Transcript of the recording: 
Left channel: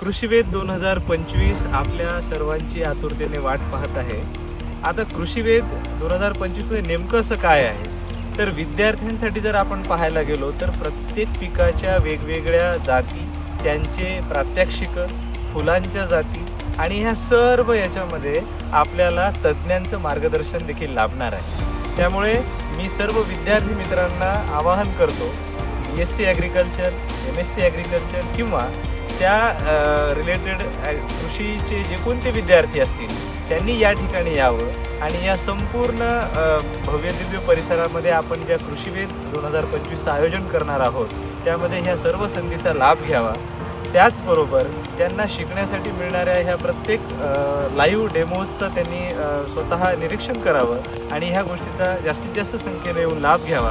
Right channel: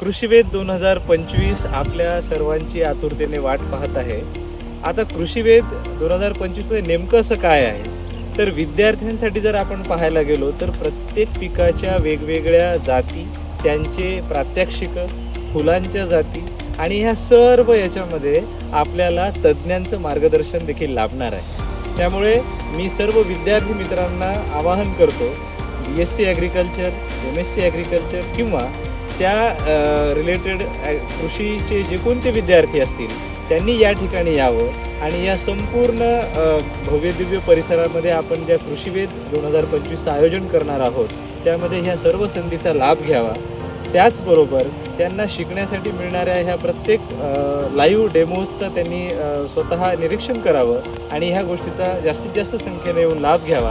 कृषीवेद दोन हजार पंचवीस आपल्या सर्वांची आतुरतेने वाट पाहत आहे. आता कृषीवेद दोन हजार पंचवीसमध्ये नेमकं असं काय आहे? तर विद्यार्थ्यांसाठी जर आपण पाहायला गेलो तर प्रत्येक पिकाच्या वेगवेगळ्या जाती त्यांचे प्रात्यक्षिक फुलांच्या जाती आणि ह्या सर्व याच्यामध्ये आपल्याला तज्ज्ञांचं मार्गदर्शन देखील लाभणार आहे. त्यामुळे मी सर्व विद्यार्थी मित्रांना आवाहन करतो B S C agriculture M S C agriculture किंवा त्या रिलेटेड कृषीचे जे कोणते विद्यार्थी असतील त्यांनी या ठिकाणी यावं आणि या संपूर्ण भव्यदिव्य परिसरामध्ये आपण ज्या कृषीवेद दोन हजार पंचवीसचं आयोजन करणार आहोत त्यामध्ये ह्या सर्व संधीचा लाभ घ्यावा. त्याचबरोबर त्यांना शिकण्यासाठी मिळणाऱ्या ह्या प्रत्येक लाईव्ह डेमोजचं त्यांनी स्वतः निरीक्षण करावं आणि ह्या गोष्टीचा जास्तीत जास्त संख्येने येऊन लाभ घ्यावा.